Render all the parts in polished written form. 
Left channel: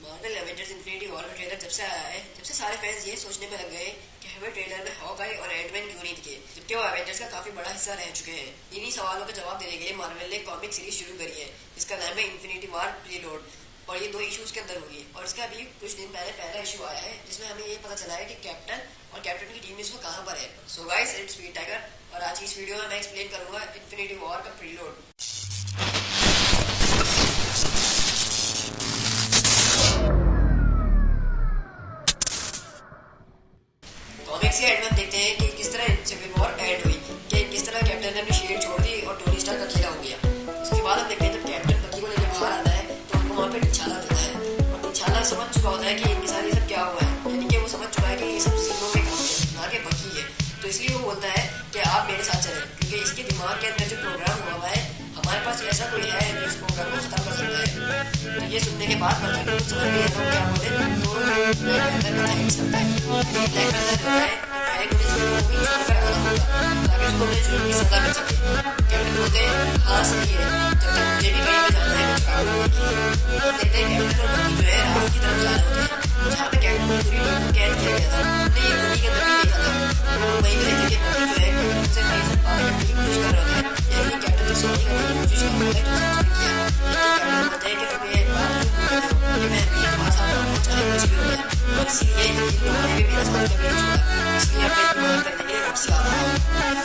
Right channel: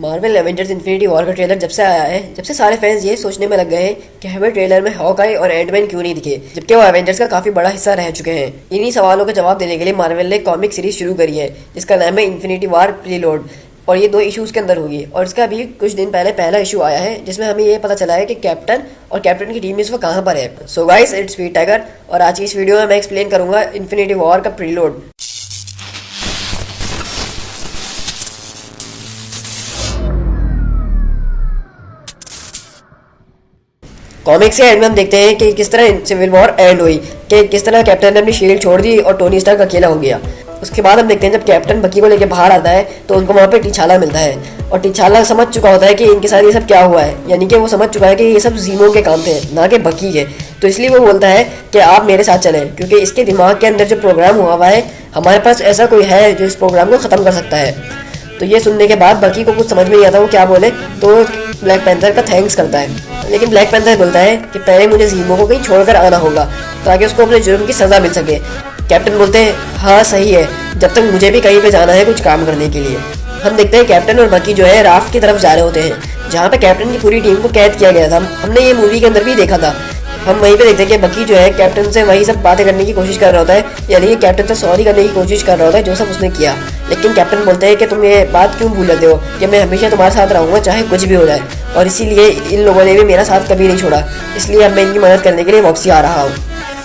Marvel Avengers infinity war का trailer जब से आया है, जब से सारे फैंस ये सोचने में लग गए हैं कि हमें ट्रेलर में हॉकाई और एंटमैन क्यों नहीं दिखे, जबकि वो एवेंजर्स का काफी बड़ा हिस्सा रह चुके हैं। इन्हीं सवालों का जवाब देने के लिए मार्वल ने कॉमिक सीरीज शुरू करी है जिसका नाम है इन्फिनिटी वॉर प्रीलोड, और ये 2 इश्यूज के अंदर होगी। और इसका अभी कुछ दिन पहले पहला इशू आया है जिसमें हमें ये पता चला है कि कैप्टन और कैप्टन की टीम इस वक्त कहाँ पर है। सो गाइस, इट्स स्पीडटाइगर और आज की इस वीडियो में मैं एक्सप्लेन करूंगा इन्फिनिटी वॉर का प्रीलोड। कॉमिक्स के एंड में हम देखते हैं कि किस तरह सिविल वॉर एंड हुई, कि किस तरह कैप्टन ने अपनी शील्ड छोड़ दी और टोनी स्टार्क अकेला हो गया। उसके बाद हम देखते हैं जब कैप्टन बकी को लेकर बाहर आता है तो उनको वहाँ पे टीछाला मिलता है, और टीछाला समझ चुका होता है कि इनके साथ ये सब क्या हुआ है, यानी कि वो समझ चुका है कि ये सब जीमो के काम थे ना कि बकी के। तो इसलिए वो बोलता है कि आप मेरे साथ चलें, क्योंकि इसके दिमाग के अंदर जो प्रोग्राम हुआ है हमारे पास ऐसा कोई है जो इस प्रोग्राम को ख़त्म कर सकता है। तो ये सुनने के बाद बकी को कुछ समझ में नहीं आता वो क्या बोले, तो ब्लैक पैंथर का थैंक्स करता है। लेकिन ब्लैक पैंथर बोलता है कि पहले मुझे जीमो को कहीं छोड़कर आना होगा ताकि उसको अपने जुर्म की सज़ा मिल सके। कैप्टन बोलते हैं हाँ सही है, जब तक मुझे भी कहीं पे जाना है कुछ काम करने के लिए। हम देखते हैं कैप्टन और बकी जो है राफ्ट की तरफ जा रहे होते हैं जहाँ पे कैप्टन की पूरी टीम को कैद किया गया था। हमने ये मूवी के अंदर भी देखा था। हम वहीं पे देखते हैं कि बकी जो है कैप्टन से वही सब बातें करने की कोशिश कर रहा होता है, यानी कि कैप्टन से सॉरी करने की कोशिश कर रहा होता है जो सब उसने किया। लेकिन कैप्टन बोलते हैं कि तुम ये बात क्यों भूल जाते हो कि मैं हमेशा तुम्हारे साथ रहूँगा चाहे कुछ भी हो जाए, और इसीलिए इन लोगों ने भी मेरा साथ कभी नहीं छोड़ा, इसलिए अब मैं इनकी मदद करने के लिए वापसी आ रहा हूँ।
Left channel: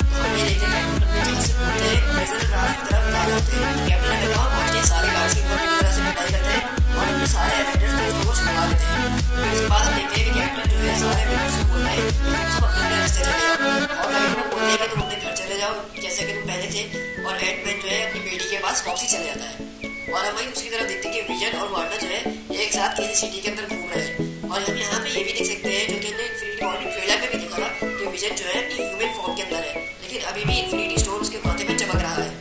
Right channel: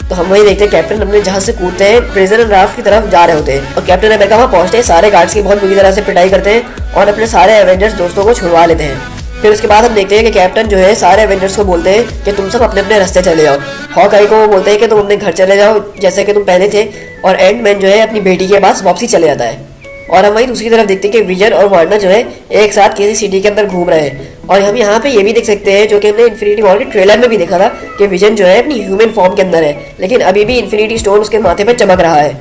तो हम वही देखते हैं कैप्टन अपने जहाज से कूदते हैं, प्रिजनर राफ्ट की तरफ जा रहे होते हैं, और कैप्टन अमेरिका वहाँ पहुँचते हैं, सारे गार्ड्स की बहुत बुरी तरह से पिटाई करते हैं और अपने सारे एवेंजर्स दोस्तों को छुड़वा लेते हैं। फिर उसके बाद हम देखते हैं कि कैप्टन जो है सारे एवेंजर्स को बोलते हैं कि तुम सब अपने अपने रास्ते चले जाओ। हॉकाई को वो बोलते हैं कि तुम अपने घर चले जाओ जैसे कि तुम पहले थे, और एंटमैन जो है अपनी बेटी के पास वापसी चले जाता है। और हम वहीं दूसरी तरफ देखते हैं कि विजन और वार्नर जो है एक साथ किसी सिटी के अंदर घूम रहे हैं। और हम यहाँ पे ये भी देख सकते हैं जो कि हमने इन्फिनिटी वॉर के ट्रेलर में भी देखा था कि विजन जो है अपनी ह्यूमन फॉर्म के अंदर है, लेकिन अभी भी इन्फिनिटी स्टोन उसके माथे पर चमक रहा है।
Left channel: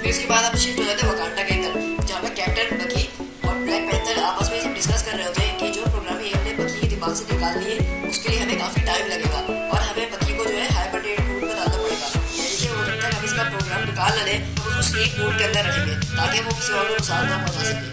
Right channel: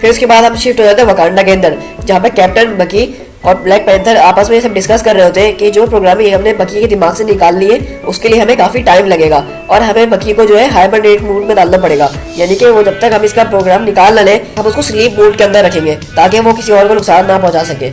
फिर उसके बाद हम शिफ्ट हो जाते हैं वकांडा के अंदर, जहाँ पे कैप्टन, बकी और ब्लैक पैंथर आपस में ये सब डिस्कस कर रहे होते हैं कि जो प्रोग्राम ये हमने बकी के दिमाग से निकाल लिए उसके लिए हमें काफ़ी टाइम लगेगा, और हमें बकी को जो है हाइबरनेट मूड में डालना पड़ेगा, यानी कि वो जब तक हम इसका प्रोग्राम निकाल ना लें हम उसको स्लीप मूड के अंदर रखेंगे ताकि वो किसी और को नुकसान ना पहुंचा सके।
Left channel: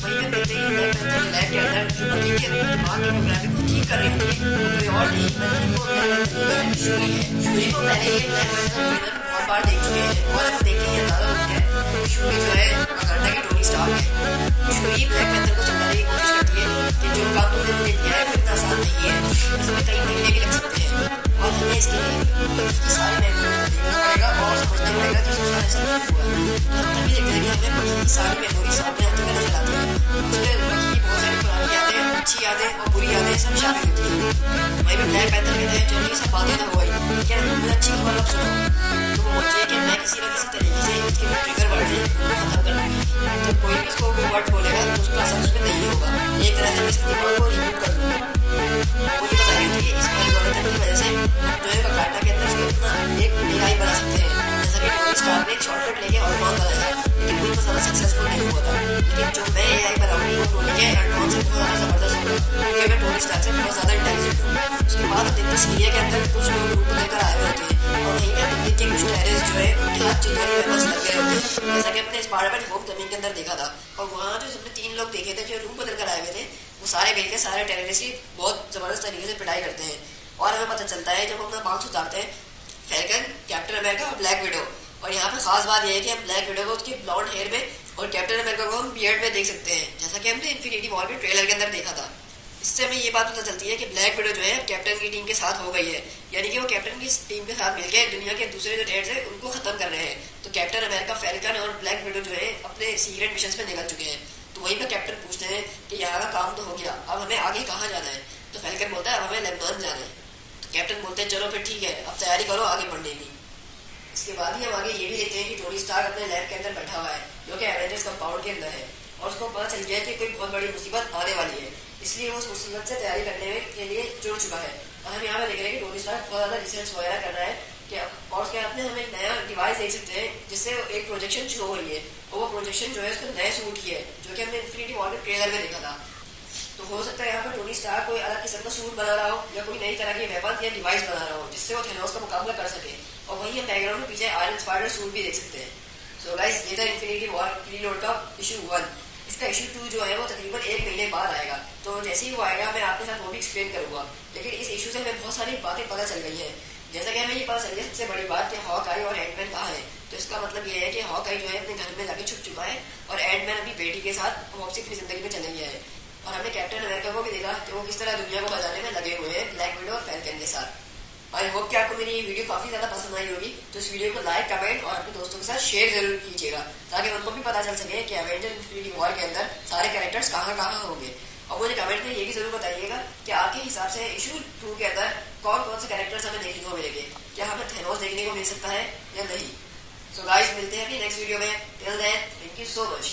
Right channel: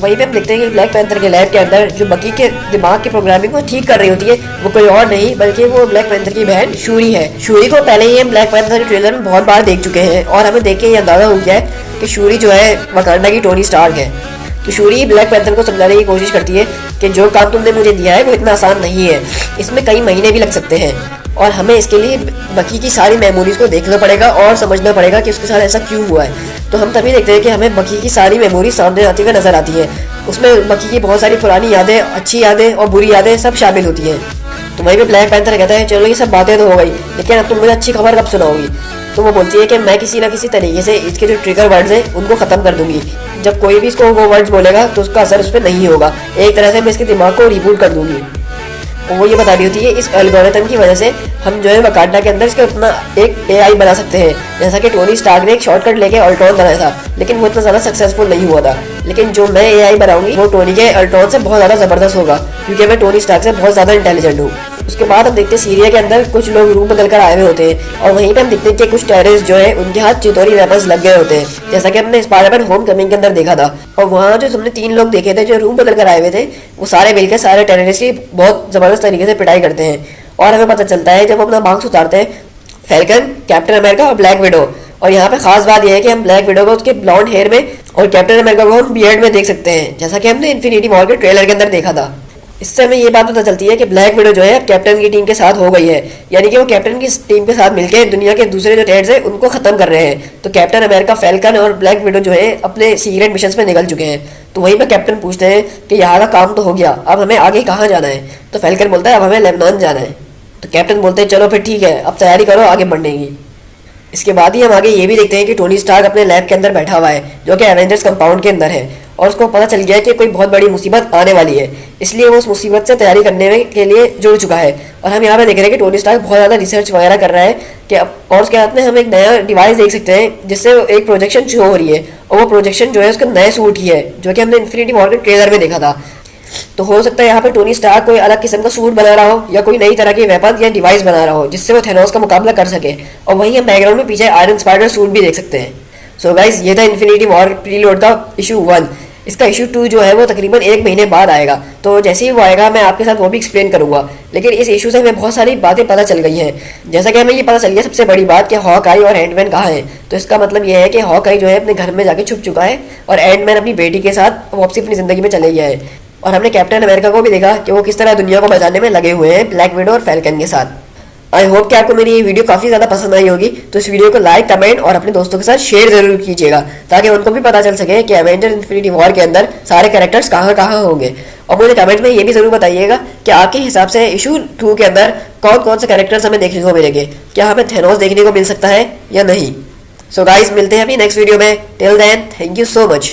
वहीं पे हम देखते हैं कि ब्लैक पैंथर के लैब के अंदर जो बकी के दिमाग की प्रोग्रामिंग को ठीक कर रही होती है वो कोई और नहीं बल्कि वो ब्लैक पैंथर की बहन शूरी है। शूरी को पहले ही हम ब्लैक पैंथर के ट्रेलर में बहुत बार देख चुके हैं और हमें देख के ये अंदाजा हो गया है कि शूरी जो है वकांडा की टोनी स्टार्क है। तो शूरी ब्लैक पैंथर को समझाने की कोशिश करती है कि जो काम तुमने मुझे दिया है वो इतना आसान नहीं है, इसमें कई महीने भी लग सकते हैं, और हमें इसके लिए बकी की सारी मेमोरीज को देखना पड़ेगा और समझना पड़ेगा कि उसके साथ ऐसा क्यों हुआ है। तो हम तभी देखते हैं कि हमें बकी की सारी मेमोरी सामने आती हुई नजर आती है। उसमें बकी की बहुत सारी पुरानी यादें, अच्छी यादें और बुरी यादें सब शामिल होती हैं। तो वहीं पे ब्लैक पैंथर कहता है चलो ये सब बातें तो हो गई, लेकिन अब तुम मुझे अच्छी खबर कब सुनाओगी। तो वो बोलती है कि मैं किसी ना किसी तरीके से इसके जो ट्रिगर वर्ड्स हैं उनको ख़त्म कर दूंगी। जब कोई भी इसको वो वर्ड्स बोलेगा तो उसका असर उस पर नहीं होगा, एक तरह से मैं इसके दिमाग को रिबूट कर दूंगी। और वो ये बता रही होती है इस एल्गोरिथम की वजह से हम जो है वकांडा के अंदर इसका अपना एक एआई बना सकते हैं, जैसा कि टोनी स्टार्क ने एक शॉर्टकट लेके अल्ट्रॉन बनाया था, लेकिन वो इतना ज़्यादा सक्सेसफुल नहीं हुआ था। लेकिन जो मैं एआई बनाऊंगी वो टोनी के अल्ट्रॉन से बहुत ज़्यादा ज़बरदस्त होगा, क्योंकि मैं टोनी स्टार्क से बहुत ज़्यादा इंटेलिजेंट हूँ। उसके बाद हम देखते हैं सीरिया के अंदर कुछ लोग रूप बदल कर आए हुए होते हैं, और वहीं पे हम देखते हैं कि कुछ टेररिस्ट जो है उनके हाथ चितौरी वेपन्स लग गए होते हैं, जैसा कि हमने स्पाइडरमैन होम कमिंग के अंदर देखा था। और वहाँ जो हमने 3 लोग देखे थे जो रूप बदल कर आए हुए थे, वो सारे मिलकर सारे टेररिस्ट की बहुत ज़बरदस्त तरीके से पिटाई करते हैं। और हमें पता चलता है जब हम अपना मार्क्स उतारते हैं फैल्कन, कैप्टन अमेरिका और ब्लैक विडो। और यहाँ पे खास बात यह है कि हम ब्लैक विडो को उसके ब्लॉन्ड हेयर में और कैप्टन अमेरिका को हम बियर्ड में देख सकते हैं, जैसा कि हमने इन्फिनिटी वॉर के ट्रेलर के अंदर देखा था। इससे हमें ये बात पता चलती है कि ब्लैक विडो जो है कैप्टन की टीम के साथ हो गई है, यानी कि वो कैप्टन की टीम के साथ मिलकर दुनिया के दूसरे जो टेरर्स हैं उनको खत्म कर रहे हैं। तो कैप्टन अमेरिका, फैल्कन और ब्लैक विडो जो है अपने सीक्रेट मिशन पे निकल चुके हैं। तो वहीं पर कैप्टन पूछते हैं कि यहाँ का काम तो हो गया, अब हमें आगे कहाँ जाना है। तो फैल्कन बोलता है अब हमें लेबनान जाना है। तो कैप्टन बोलते हैं चलो फिर ठीक है, अब तैयारी करो आगे बढ़ने की। इसके बाद ही हम आगे ये भी देखते हैं कि टोनी स्टार्क अपने लैब के अंदर बैठा हुआ है जो कि एवेंजर्स कंपाउंड के अंदर है, और उसको पता चल गया है कि कोई बहुत बड़ी मुसीबत आने वाली है, इसलिए वो उस मुसीबत से तैयारी करने के लिए जुड़ चुका है। और हम यहाँ पे देख रहे हैं कि टोनी स्टार्क बहुत ज़्यादा रिसर्च वगैरह कर रहा है कि और उसके हाथ में हम एक नया डिवाइस देख सकते हैं जिससे एक प्रोजेक्शन शो हो रही है, और वो प्रोजेक्शन जो है उसका नए सूट की है जो कि हमने इन्फिनिटी वॉर के ट्रेलर में देखा था। तो हो सकता है यहाँ पे टोनी स्टार्क कोई अलग किस्म का सूट बना रहा हो या कोई नई तरह की वेपन या डिवाइस बना रहा हो जिससे वो थेनोस का मुकाबला कर सके। और वहीं हम बैकग्राउंड में पीछे आयरन स्पाइडर सूट भी देख सकते हैं। सो गाइस, ये था इन्फिनिटी वॉर प्रीलोड का इशू 1। इसका इशू 2 जो है वो तकरीबन 1 महीने बाद आएगा, तो जैसे ही वो आएगा मैं आपके साथ वो भी एक्सप्लेन करूंगा। लेकिन इस इशू से हमें बहुत सारी बातें पता चल गई हैं। जैसा कि हमें ये पता चल गया सबसे बड़ी बात कि हॉकआई और एंटमैन कहाँ है। तो इसका मतलब ये है कि हॉकआई जो है अपने घर में जाके छुप चुका है और एंटमैन अपनी बेटी के साथ वापसी अपनी ज़िंदगी में चले गया है। और हमने कैप्टन अमेरिका को भी देखा कि वो किस तरह दुनिया को बचाने में लगे हुए हैं ब्लैक विडो और फैल्कन के साथ। आई होप कि आपको मेरी ये वीडियो काफ़ी ज़्यादा पसंद आई होगी, तो इस वीडियो को लाइक, कमेंट और अपने दोस्तों के साथ शेयर जरूर कीजिएगा ताकि उनको भी पता चल सके कि एवेंजर इन्फिनिटी वॉर के अंदर सारे कैरेक्टर्स कहाँ कहाँ होंगे। और मुझे कमेंट में ये भी ज़रूर बताइएगा कि आपके हिसाब से इशू 2 के अंदर कौन कौन से कैरेक्टर्स हमें देखने को मिलेंगे। क्या हमें थेनोस देखने को मिल सकता है या नहीं। सो गाइस, मिलते हैं अभी नेक्स्ट वीडियो में। Till then, thank you so much.